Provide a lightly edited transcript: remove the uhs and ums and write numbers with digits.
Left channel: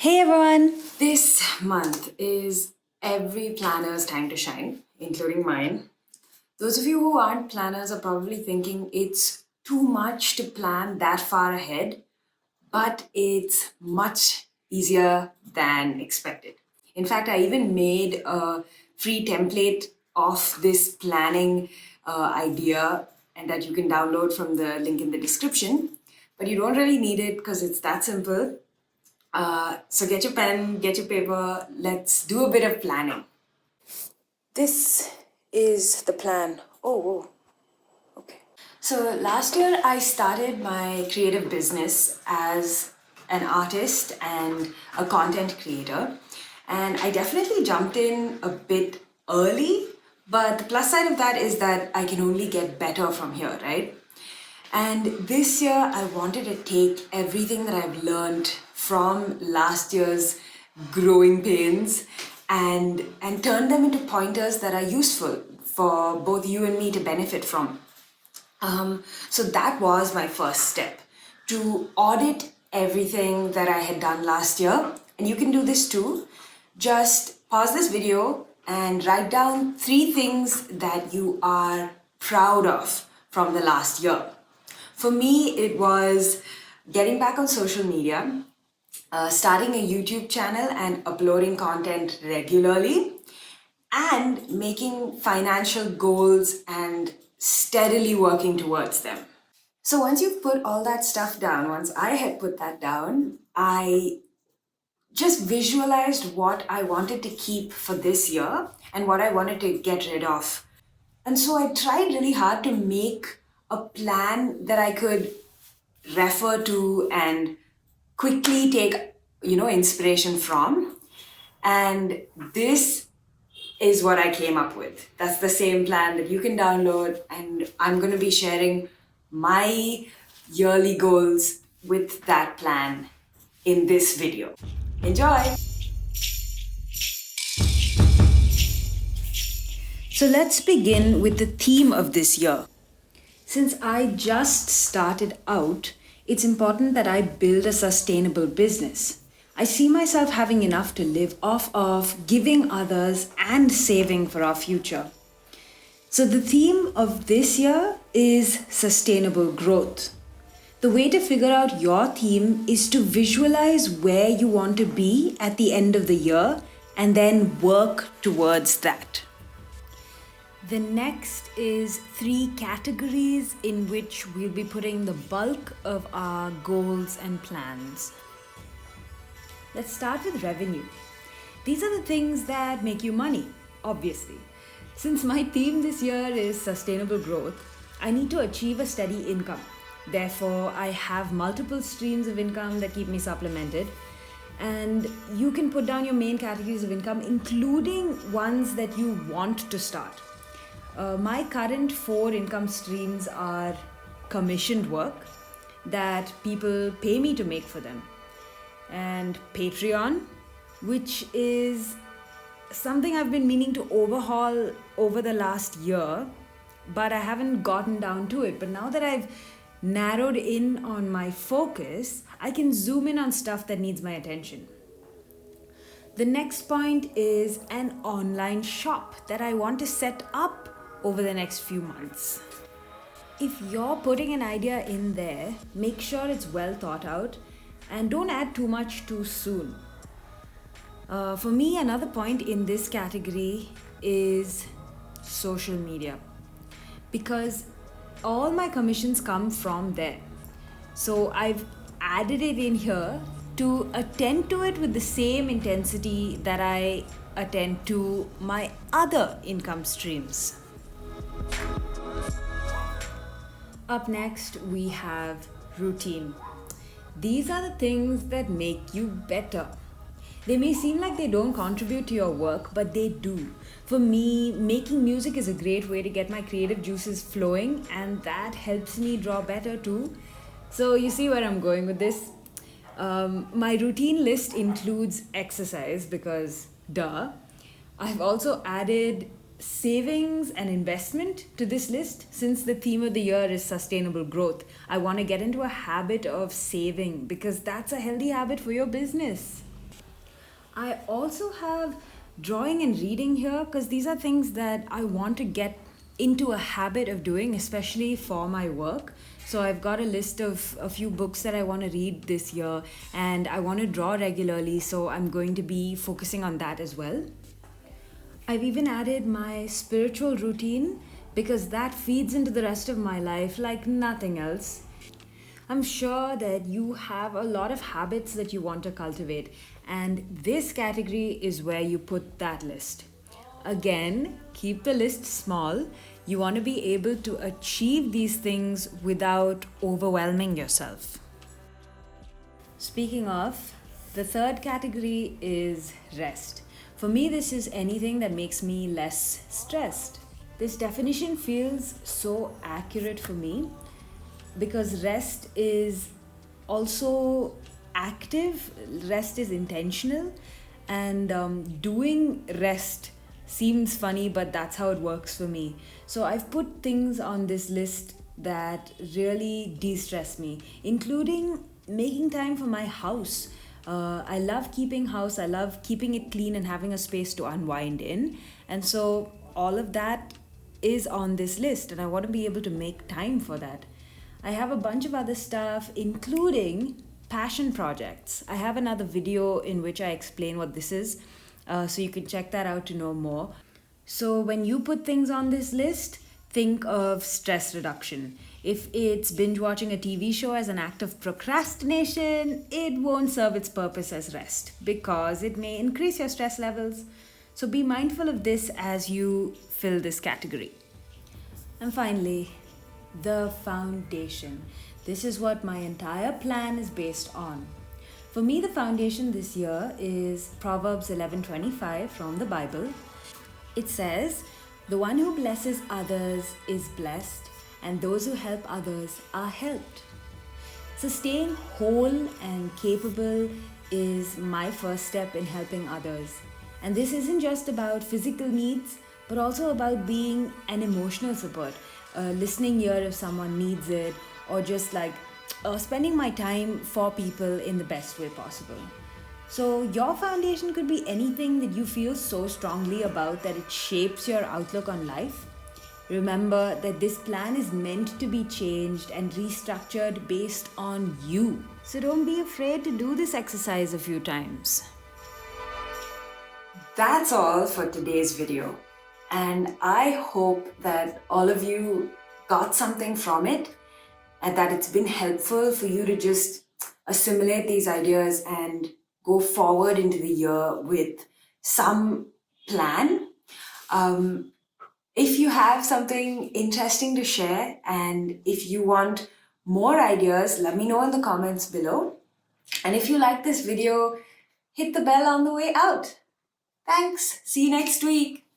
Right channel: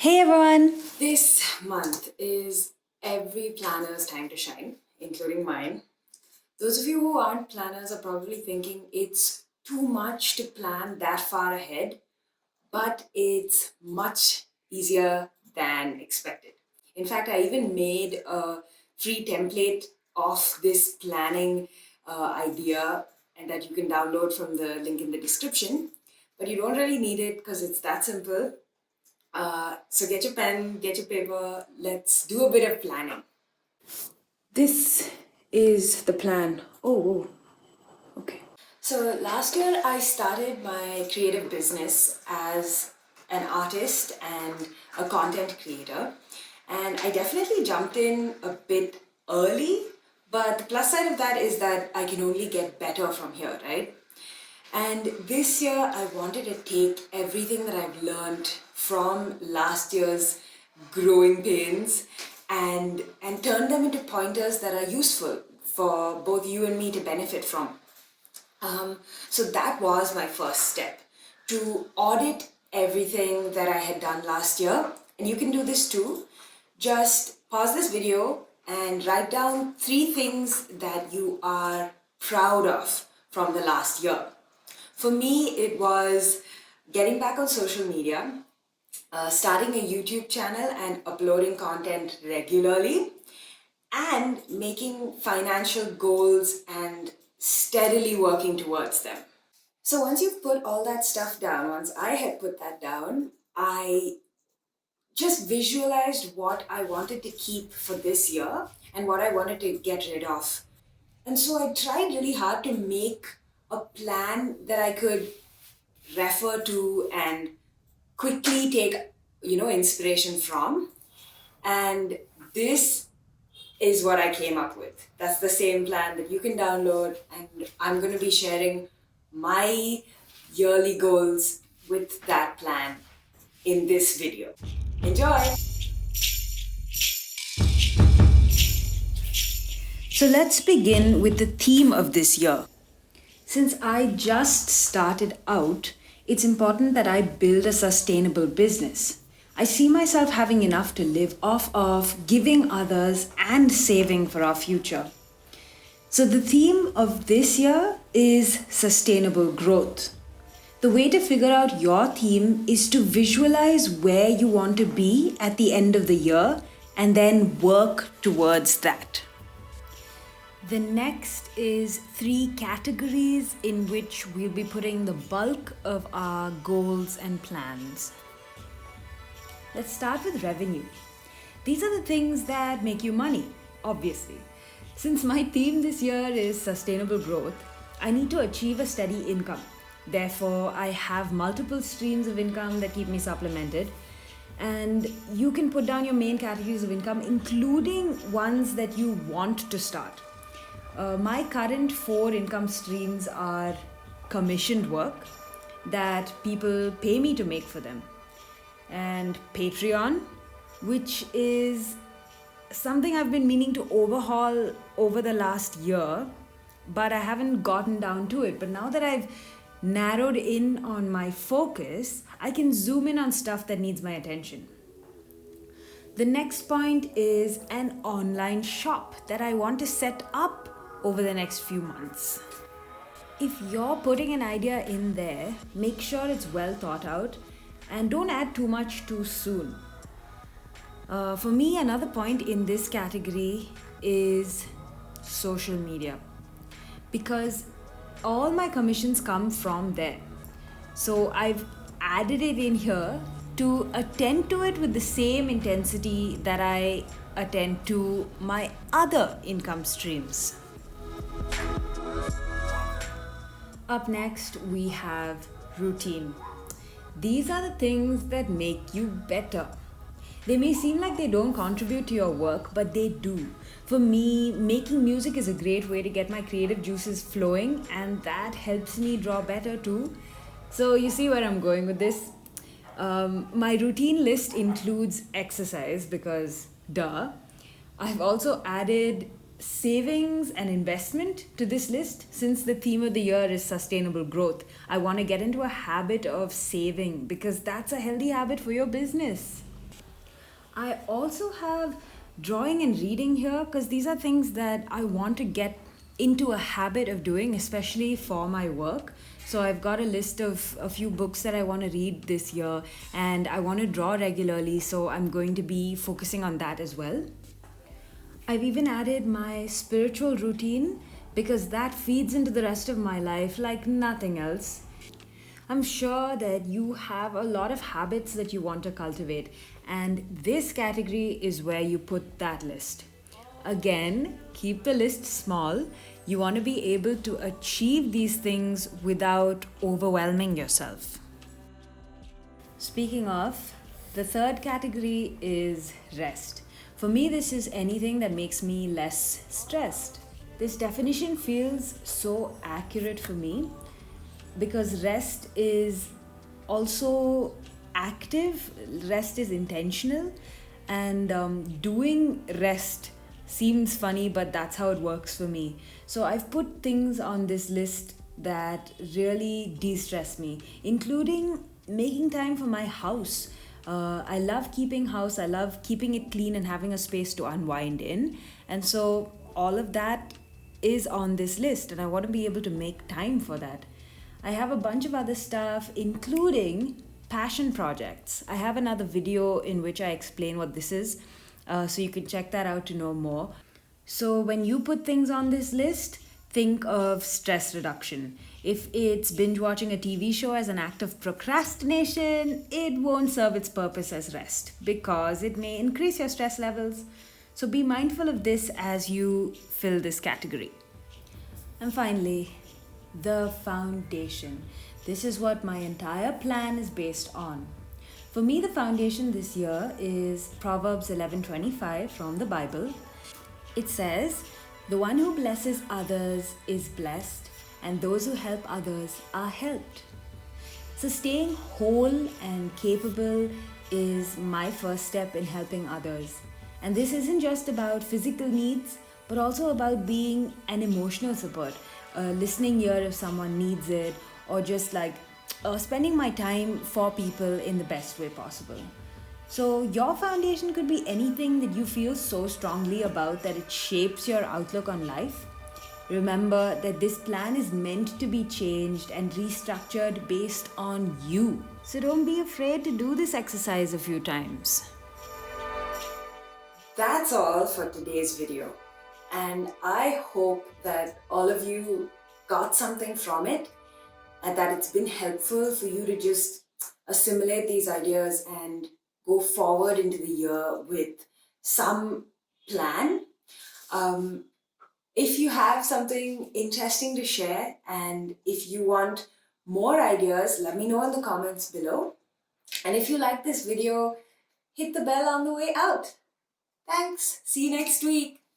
Hey everyone! This month is every planner's time to shine, including mine. Those of you who aren't planners are probably thinking it's too much to plan that far ahead, but it's much easier than expected. In fact, I even made a free template of this planning idea and that you can download from the link in the description. But you don't really need it because it's that simple. So get your pen, get your paper, let's do a bit of planning. This is the plan. Oh, whoa. Okay. So last year I started my creative business as an artist and a content creator. And I definitely jumped in a bit early, but the plus side of that is that I can only get better from here, right? And this year, I wanted to take everything that I've learned from last year's growing pains and turn them into pointers that are useful for both you and me to benefit from. So that was my first step, to audit everything that I had done last year. And you can do this too. Just pause this video and write down 3 things that you are proud of from the last year. For me, it was getting back on social media, starting a YouTube channel and uploading content regularly, and making financial goals and steadily working towards them. So once you've put all that stuff down, once I had put that down, I just visualized what I wanted to keep for this year and what I wanted to get rid of. And so I tried really hard to make a plan that I could refer to and quickly take, inspiration from. And this is what I came up with. That's the same plan that you can download, and I'm going to be sharing my yearly goals with that plan in this video. Enjoy! So let's begin with the theme of this year. Since I just started out, it's important that I build a sustainable business. I see myself having enough to live off of, giving others, and saving for our future. So the theme of this year is sustainable growth. The way to figure out your theme is to visualize where you want to be at the end of the year and then work towards that. The next is 3 categories in which we'll be putting the bulk of our goals and plans. Let's start with revenue. These are the things that make you money, obviously. Since my theme this year is sustainable growth, I need to achieve a steady income. Therefore, I have multiple streams of income that keep me supplemented. And you can put down your main categories of income, including ones that you want to start. My current 4 income streams are commissioned work that people pay me to make for them, and Patreon, which is something I've been meaning to overhaul over the last year, but I haven't gotten down to it. But now that I've narrowed in on my focus, I can zoom in on stuff that needs my attention. The next point is an online shop that I want to set up over the next few months. If you're putting an idea in there, make sure it's well thought out and don't add too much too soon. For me, another point in this category is social media, because all my commissions come from there. So I've added it in here to attend to it with the same intensity that I attend to my other income streams. Up next, we have routine. These are the things that make you better. They may seem like they don't contribute to your work, but they do. For me, making music is a great way to get my creative juices flowing, and that helps me draw better too. So you see where I'm going with this? My routine list includes exercise because, duh. I've also added savings and investment to this list since the theme of the year is sustainable growth. I want to get into a habit of saving because that's a healthy habit for your business. I also have drawing and reading here because these are things that I want to get into a habit of doing, especially for my work. So I've got a list of a few books that I want to read this year, and I want to draw regularly, so I'm going to be focusing on that as well. I've even added my spiritual routine because that feeds into the rest of my life like nothing else. I'm sure that you have a lot of habits that you want to cultivate, and this category is where you put that list. Again, keep the list small. You want to be able to achieve these things without overwhelming yourself. Speaking of, the third category is rest. For me, this is anything that makes me less stressed. This definition feels so accurate for me because rest is also active, rest is intentional, and doing rest seems funny, but that's how it works for me. So I've put things on this list that really de stress me, including making time for my house. I love keeping house, I love keeping it clean and having a space to unwind in. And so all of that is on this list, and I want to be able to make time for that. I have a bunch of other stuff, including passion projects. I have another video in which I explain what this is, so you can check that out to know more. So, when you put things on this list, think of stress reduction. If it's binge watching a TV show as an act of procrastination, it won't serve its purpose as rest because it may increase your stress levels. So, be mindful of this as you fill this category. And finally, the foundation. This is what my entire plan is based on. For me, the foundation this year is Proverbs 11:25 from the Bible. It says, "The one who blesses others is blessed, and those who help others are helped." So staying whole and capable is my first step in helping others. And this isn't just about physical needs, but also about being an emotional support, listening ear if someone needs it, or just spending my time for people in the best way possible. So, your foundation could be anything that you feel so strongly about that it shapes your outlook on life. Remember that this plan is meant to be changed and restructured based on you. So, don't be afraid to do this exercise a few times. That's all for today's video. And I hope that all of you got something from it and that it's been helpful for you to just assimilate these ideas and go forward into the year with some plan. If you have something interesting to share and if you want more ideas, let me know in the comments below. And if you like this video, hit the bell on the way out. Thanks. See you next week.